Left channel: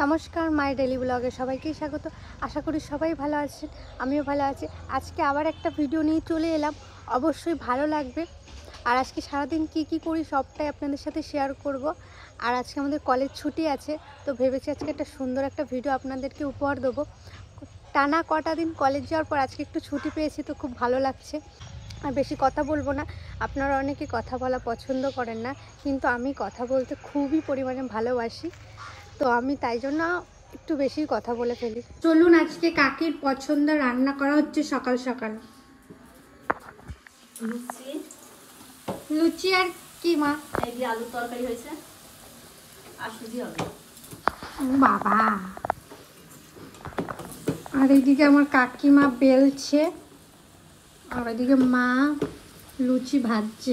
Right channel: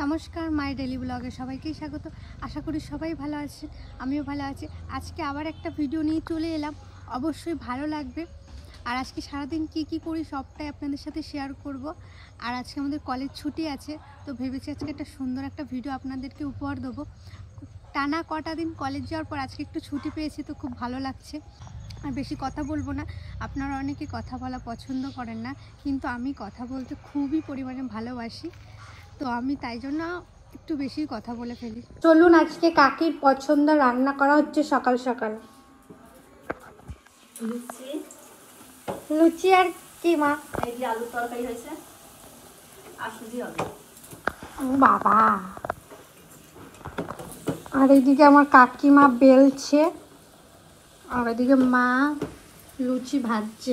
নমস্কার, মাই ডেলি ব্লগে সবাইকেই স্বাগত। আশা করি সবাই ভালো আছেন, আমিও ভালো আছি। আজকে আবার একটা ভিডিও নিয়ে চলে এলাম, অবশ্যই ভালো লাগবে। আর আজকে সারাদিন কি করি সবটাই আপনাদের সাথে শেয়ার করব। আর আজকে আমাদের কলেজ ছুটি আছে, তো ভেবেছি আজকে একটা সুন্দর একটা ভিডিও আপনাদেরকে উপহার দেবো। টানা কটা দিন কলেজ যাওয়ার পর আজকে একটু ছুটি পেয়েছি, তো খুব ভালো লাগছে। আর বেশি কথা বলবো না, আপনারা অনেকে কথা বলা পছন্দ করেন না, কিন্তু আমি কথা বলতে খুবই পরিমাণে ভালোবাসি, তো আমি তাই জন্য একটু বেশি কথা বলে ফেলি। চলুন, আজকে কাকির পছন্দ রান্না করা হচ্ছে সকাল সকাল। লুচি আর কি মা? এই যে আলু তরকারি হয়েছে আর সুজি হবে। বাবা, আর এইদিকে আমার কাকিমা বেলছে, আর ওইদিকে মা লুচি ভাজছে।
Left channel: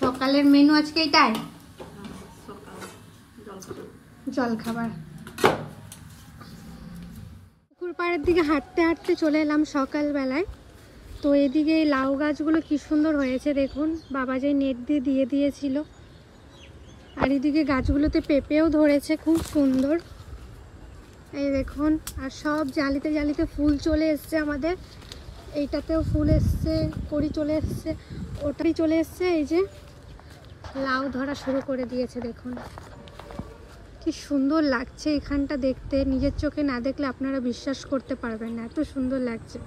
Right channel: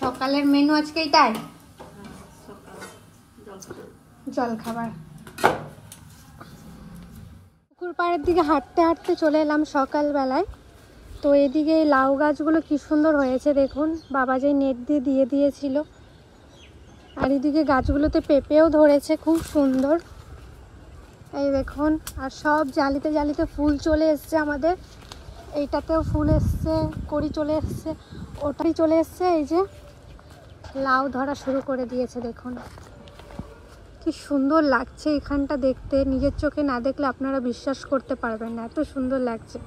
সকালের মেনু আজকে এটাই, জলখাবার। পুকুর পাড়ের দিকে হাঁটতে হাঁটতে চলে এলাম সকালবেলায়। তো এদিকে লাউ গাছগুলো কি সুন্দর হয়েছে দেখুন, বাবা যে নেট দিয়ে দিয়েছিল। আর এদিকে গাছগুলোতে পেঁপেও ধরেছে খুব সুন্দর, এই দেখুন। আর সব জালিতে জালিতে ফুল চলে এসছে আমাদের। এইটাতেও ফুল এসছে, কড়ি চলে এসছে, ওটাই চলে এসছে। এই যে লাউ ধরা শুরু করে দিয়েছে, দেখুন কি সুন্দর লাগছে এখানটা দেখতে। নিজের চোখে না দেখলে আপনারা বিশ্বাস করতে পারবেন না, এত সুন্দর লাগছে।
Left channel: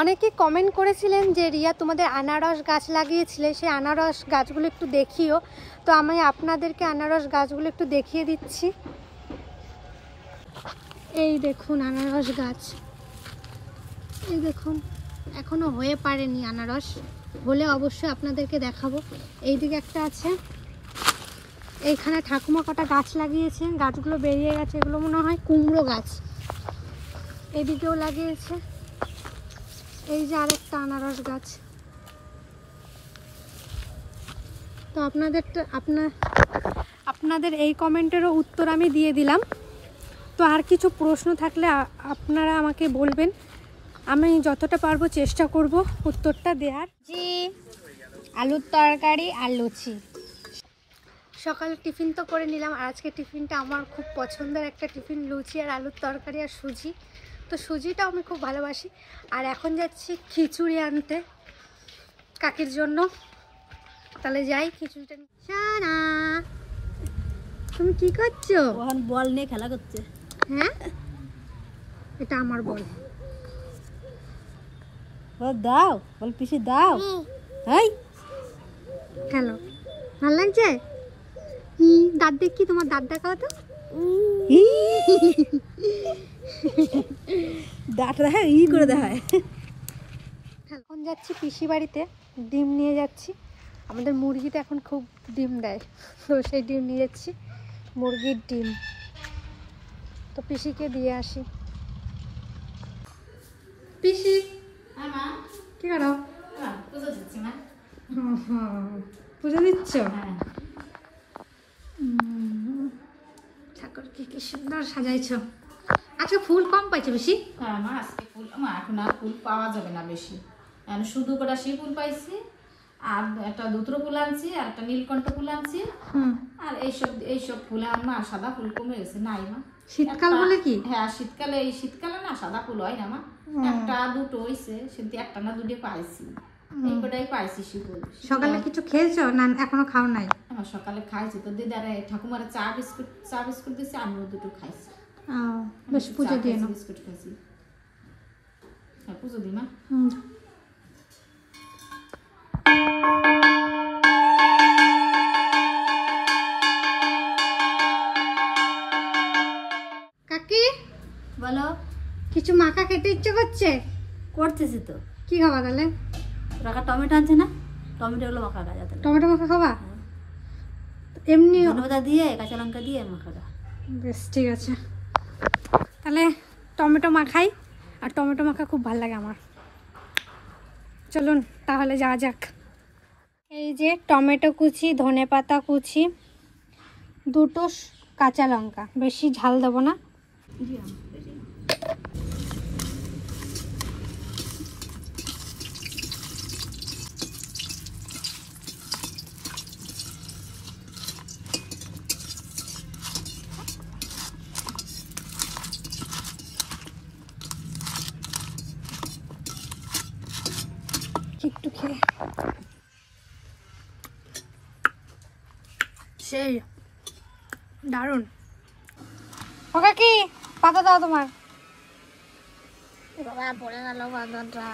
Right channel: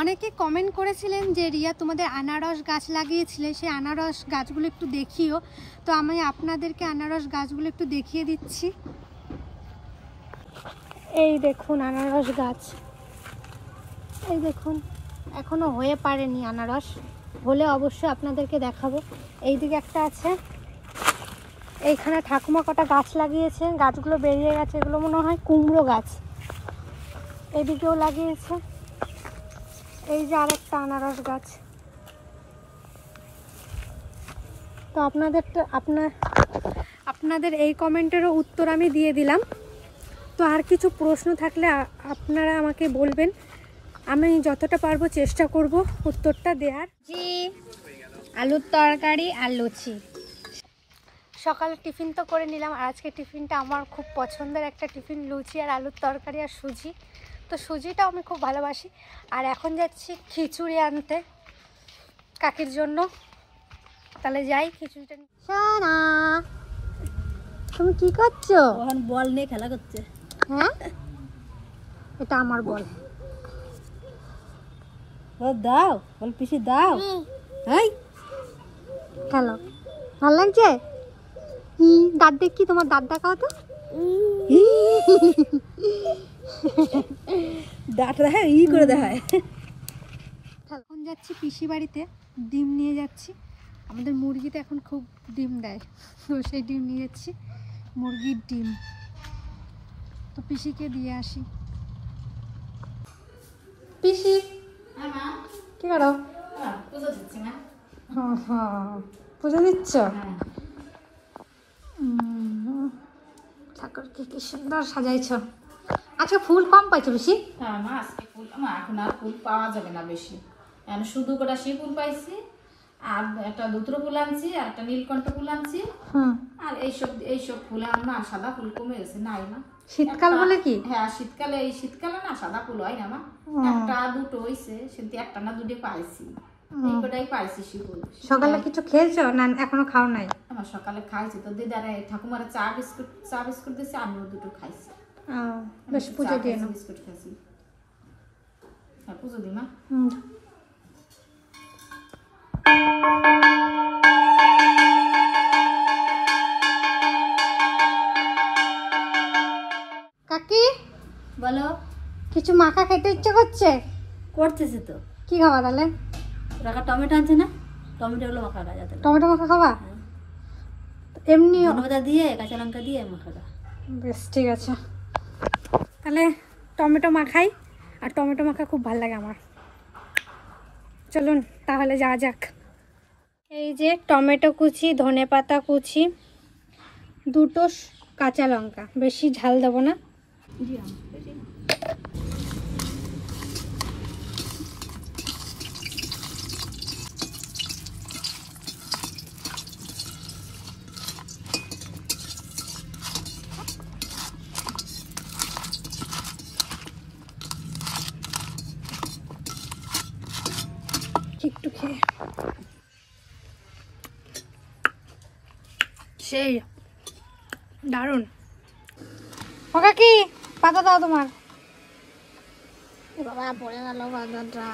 অনেকে কমেন্ট করেছিলেন যে রিয়া তোমাদের আনারস গাছ লাগিয়েছিলে, সেই আনারস গাছগুলো একটু দেখিও। তো আমি আপনাদেরকে আনারস গাছগুলো একটু দেখিয়ে দিচ্ছি। এই দেখুন আনারস গাছ, এই দেখুন এখনো হয়ে পারেনি আনারস, হলে অবশ্যই আপনাদেরকে দেখাবো। এইদিকে একটা আছে, এইখানে ঠাকুমা কটা গাছ লাগিয়েছে, গাছগুলো বেরিয়ে গেছে, এগুলো মনে হয় কুমড়ো গাছ। এদিকেও লাগিয়েছে, এই যে আরেকটা আনারস গাছ। তো আপনাদের এই কমেন্টেরও উত্তর আমি দিয়ে দিলাম। তো আর কিছু প্রশ্ন থাকলে আপনারা আমাকে বলবেন, আমি যতটা পারবো চেষ্টা করব উত্তরটা দেওয়ার। জি, আলুর তরকারি আর লুচি। সকালে টিফিন তো করে নিলাম, আর আজকে টিফিনটা আমার খুব পছন্দের একটা টিফিন, লুচি আর আলুর তরকারি আর সুজি। তো সুজিটাও আমি খুব ভালোবাসি। আর এখন যাচ্ছি খিচুড়ি আনতে কাকির জন্য, তাহলে যাই খিচুড়িটা। সোনা, তুমি কি করছো? ওখান বল নিয়ে খেলা করছে। হ্যাঁ, এটা আমার বল। দাও বল, পিসি দাও। এই খেলো, ভালো লাগছে। দাঁত দেখি, তোমার দাঁত দেখাও তো। দাঁত দেখায়, ই করে দেখায়। এখন যাচ্ছি পিসি বাড়িতে, ডিম নিয়ে যাচ্ছি। আমাদের মুরগিতে এখন খুব ডিম দেয়, তো সেই ডিম নিয়ে যাচ্ছি, মুরগির ডিম। তো পিসিকে দিয়ে আসি। পিসি কি করো? পুজো দিচ্ছ? ঠাকুরকে কি সুন্দর সাজাইছ। আচ্ছা, ফুল কম পাইছো বেশি? হ্যাঁ মা, আজকে ফুল এখন আর ফুল পাওয়া যাবে না বেশি। আমি শুধু কটা শিব ফুল পাইছি, আর একটা দুত্র ফুল আনছি, আর একটা নীলকণ্ঠ ফুল আনছি। আর এইসব ফুল মা, সাদা ফুল কমে গেছে, নাই মা। শীতকাল বলে কি? হ্যাঁ, শীতকালে না সাদা ফুল হয় না মা। একটা দুটো হইছে, সেটি একটা না দুটো পাইছি, এই কটাই পাইছি শিব ফুল। সকালে কিছু খেয়েছো না এখনো খাও নাই? আমার সকালে খাইছি তো, দিদারে ঠাকুমার চা বিস্কুট দিয়েছে, আমিও দুটো খাইছি। বেশ, পুজো দিয়ে নাও। বিস্কুট খাইছি। হ্যাঁ, পুজো দি মা। কাকি বলো। কিছু মাখা খেতে ইচ্ছে করতেছি তো। কি খাবা তাহলে? রাখা টমেটো আনছে না, টমেটো গুলো মাখা যাতে। টমেটো মাখা খাবা? এমনি ধনেপাতা দিয়ে, কাঁচা লঙ্কা দিয়ে মাখাটা। বেশ, ঠিক আছে, তাহলে টমেটো মাখাই। আর টমেটো মাখা খুব ভালো লাগে আমার। চলুন তাহলে যাওয়া যাক। এই যে টমেটো কুচি, ধনেপাতা কুচি, দুটো কাঁচা লঙ্কা, বেশি ঝাল দেবো না। দেখি, সেই দারুণ। ওকা কি পাতা দাও তোমার। পড়ে গেল পাতাটা,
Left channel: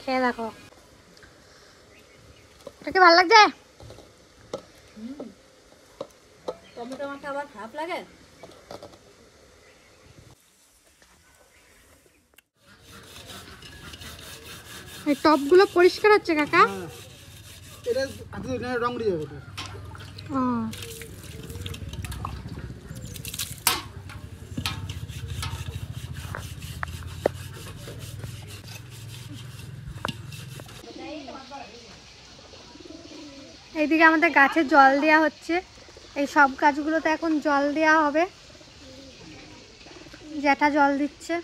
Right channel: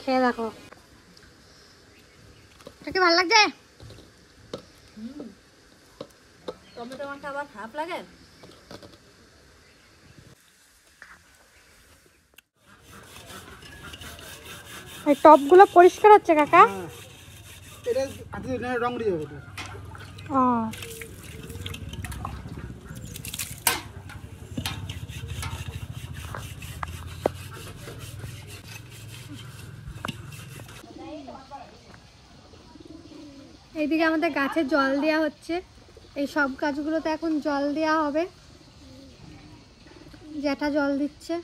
খেয়ে দেখো। এটা ভালো লাগছে? টমেটো মাখা আবার খারাপ লাগে? এই টপগুলো পরিষ্কার হচ্ছে কাকা? এটা আপনি রং দিয়ে যাবে। ও এইদিকে আমাদের গাছে জল দেওয়া হচ্ছে। এই সব গাছগুলোতে এখন জল দেওয়া হবে। জ্যাঠা জল দিচ্ছে।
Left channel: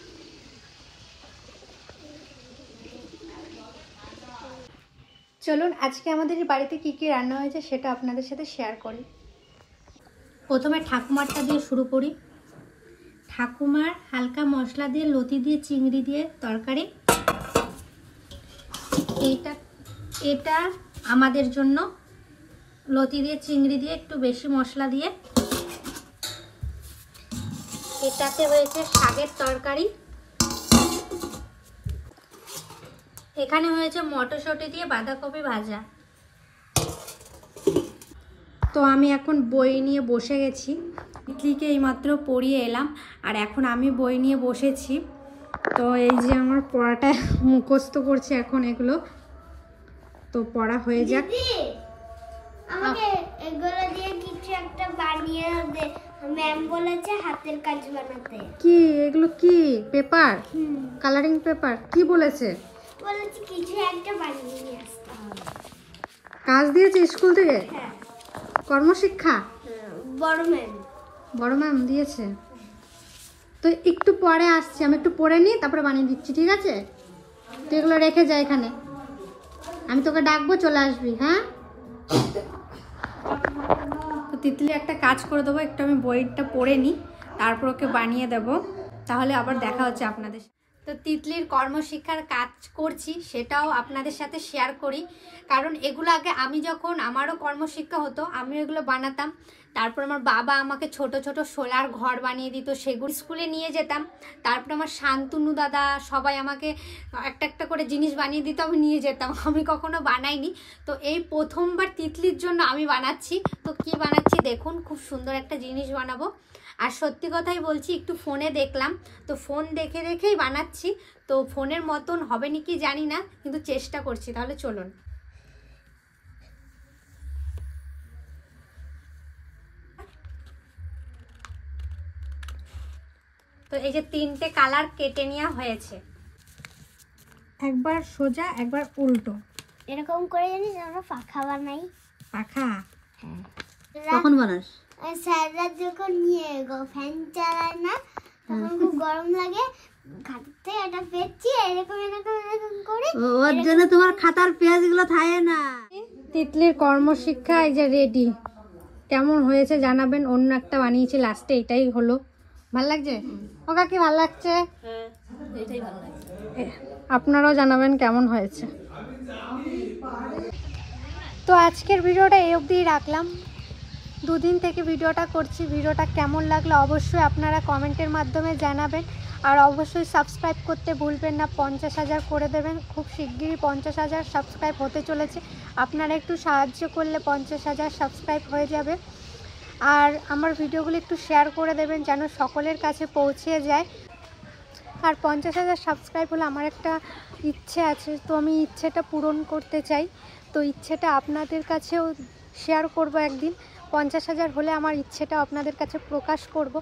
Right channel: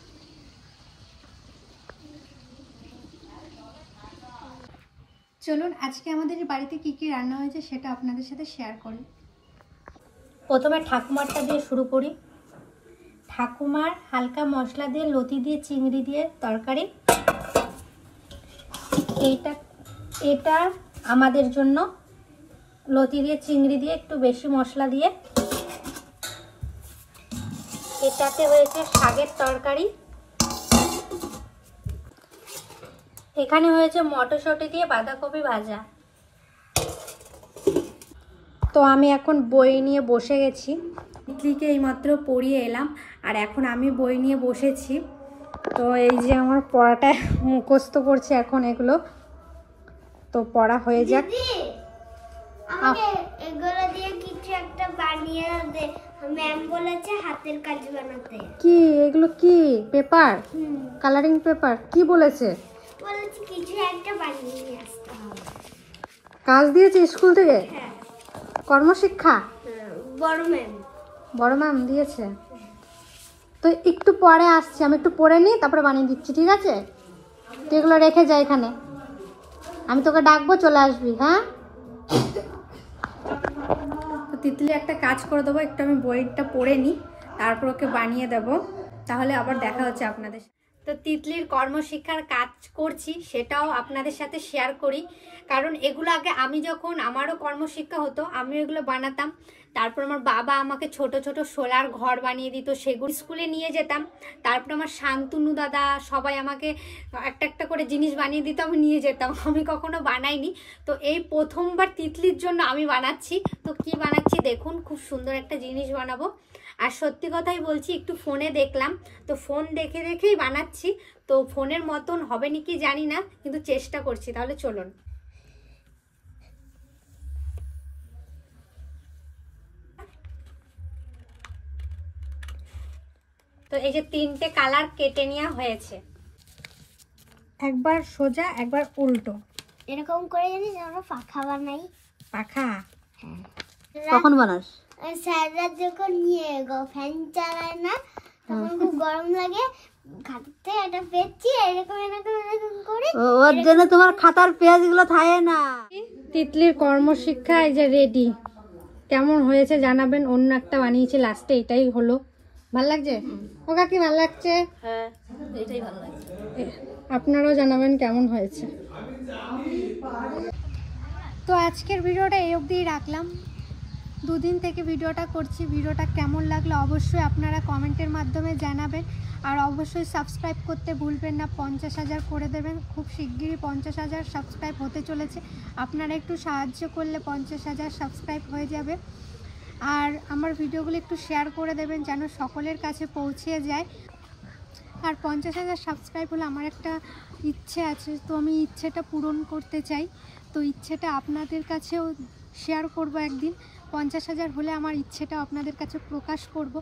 চলুন আজকে আমাদের বাড়িতে কি কি রান্না হয়েছে সেটা আপনাদের সাথে শেয়ার করি। প্রথমে ঠাকুমারটা দিয়ে শুরু করি। ঠাকুমার হালকা মশলা দিয়ে, লতি দিয়ে, চিংড়ি দিয়ে তরকারি। এটা আমাদের জন্য লতি দিয়ে, চিংড়ি দিয়ে, একটু বেশি মশলা দিয়ে। এটাতে হয়েছে শাকের তরকারি। এখানে হয়েছে মটরশুঁটি দিয়ে বাঁধাকপি ভাজা। তো আমি এখন বই নিয়ে বসে গেছি। তিতলিকে এইমাত্র পড়িয়ে এলাম, আর এখন আমি বই নিয়ে বসেছি। তো এই যে আমার পড়াটা মুখস্থ করছে এখন এগুলো। তো পড়া হয়ে যাক। এগুলো দিয়ে কিছু একটা বানিয়ে দে, ম্যাম বলেছে হাতের কাজ বানাতে। কি এগুলো? কি পেপার? Colouring paper? কি বলেছে? বলেছে কিছু একটা বানিয়ে নিয়ে আসতে হবে। কাজ দিয়েছে স্কুল থেকে? হ্যাঁ, কর্মশিক্ষা? বড় ম্যাম দিয়েছে। তো একটু পরে আসছি, আমি একটু পড়ে নিই, তারপরে বানিয়ে দিচ্ছি, ঠিক আছে? তুই এগুলো রেখে যা এখানে, আমি তোকে ডাকবো, চলে আসবি। হ্যাঁ, তো তিতলি একটা কাজ করে দেবো, একটু আমি বইটা পড়ে নিই, তারপর ওকে বানিয়ে দেবো, তাহলে আবার দেখা হচ্ছে আপনাদের সাথে। তো তিতলির কর্মশিক্ষার কাজ করছি, সেটাও আপনাদের সাথে শেয়ার করি। কারণ এগুলো আগে আমি যখন, আমারও কর্মশিক্ষা হতো, আমি এগুলো বানাতাম। তারপর আমার বাবা আমাকে ছোট ছোট সোলার ঘর বানিয়ে দিত, সেগুলো স্কুলে নিয়ে যেতাম। তারপর আমার শান্তনু দাদা সবাই আমাকে একটা একটা করে জিনিস বানিয়ে দিত, আমি নিয়ে যেতাম। আমি কখনো বানাইনি। তো এই প্রথমবার তিতলির জন্য আমি বানাচ্ছি। তো কি বানাচ্ছি দেখুন, খুব সুন্দর একটা জিনিস বানাবো। আর সত্যি কথাই বলছি, একটু ফোনে দেখলাম, তো ফোন দেখে দেখেই বানাচ্ছি। তো ফোনের মতন হবে নাকি জানি না, কিন্তু চেষ্টা করছি। তাহলে চলুন। তো এই যে 3টে কালার কেটে নেওয়া হয়েছে, একবার সোজা একবার উল্টো। এরকম করে জানিস আমরা পাখা বানাই। পাখা? কখন বানাস? স্যাররা যখন নিয়ে ফ্যান চালায় না, তখন খুব গরম লাগে, খাতার থেকে একটা পেয়েছি, এরকম এরকম এরকম করে। ওর জন্য তোমার খাতার পেজগুলো থাকে না। তিতলির কর্মশিক্ষা এই যে রেডি। কেমন হয়েছে জানাবেন। অন্য একটা বানিয়েছি, লাস্টে এটাই হলো। ভাল লাগছে? ওকা কি ভাল লাগছে? হ্যাঁ, এটাই ভালো লাগছে। আপনারাও জানাবেন কেমন হয়েছে। তো আজকের ভিডিওটা এই অবধিই রাখলাম। দুদিন থেকে ভিডিওটা করছি। ভিডিওটা কেমন লাগলো অবশ্যই আপনারা কমেন্টের মাধ্যমে জানাবেন। আর অবশ্যই সাবস্ক্রাইব করতে ভুলবেন না। 50,000 করে দেবেন। খুব শিগগিরই 50,000 সাবস্ক্রাইব হতে চলেছে। আপনারা একটু সাহায্য করলে 50,000 সাবস্ক্রাইব হয়ে যাবে। আর আমার ভিডিওগুলো একটু শেয়ার করে দেবেন যেন সকলের কাছে পৌঁছে যায়। আর 50,000 সাবস্ক্রাইব হলে আমার একটা ইচ্ছে আছে, তো আমি ইচ্ছেটা পূরণ করতে চাই। তো ইচ্ছেটা আপনাদের কাছেও শেয়ার করব একদিন। 50,000 হলে আমার ইচ্ছেটা আপনাদের কাছে প্রকাশ করব।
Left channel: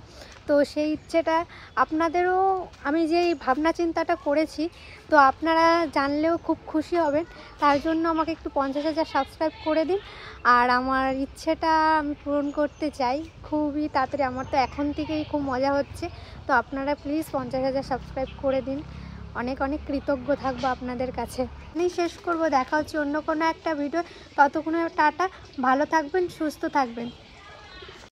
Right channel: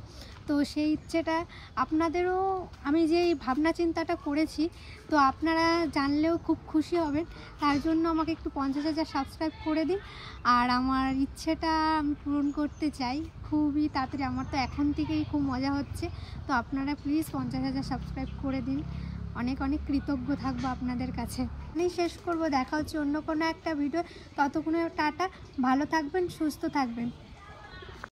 তো সেই ইচ্ছেটা আপনাদেরও, আমি যে ভাবনা চিন্তাটা করেছি, তো আপনারা জানলেও খুব খুশি হবেন। তার জন্য আমাকে একটু 50,000 সাবস্ক্রাইব করে দিন। আর আমার ইচ্ছেটা আমি পূরণ করতে চাই খুবই তাড়াতাড়ি। আমার তো এখন থেকেই খুব মজা হচ্ছে। তো আপনারা প্লিজ 50,000 সাবস্ক্রাইব করে দিন। অনেক অনেক কৃতজ্ঞ থাকবো আপনাদের কাছে। আমি শেষ করব, দেখা হচ্ছে অন্য কোনো একটা ভিডিও। ততক্ষণে টাটা, ভালো থাকবেন, সুস্থ থাকবেন।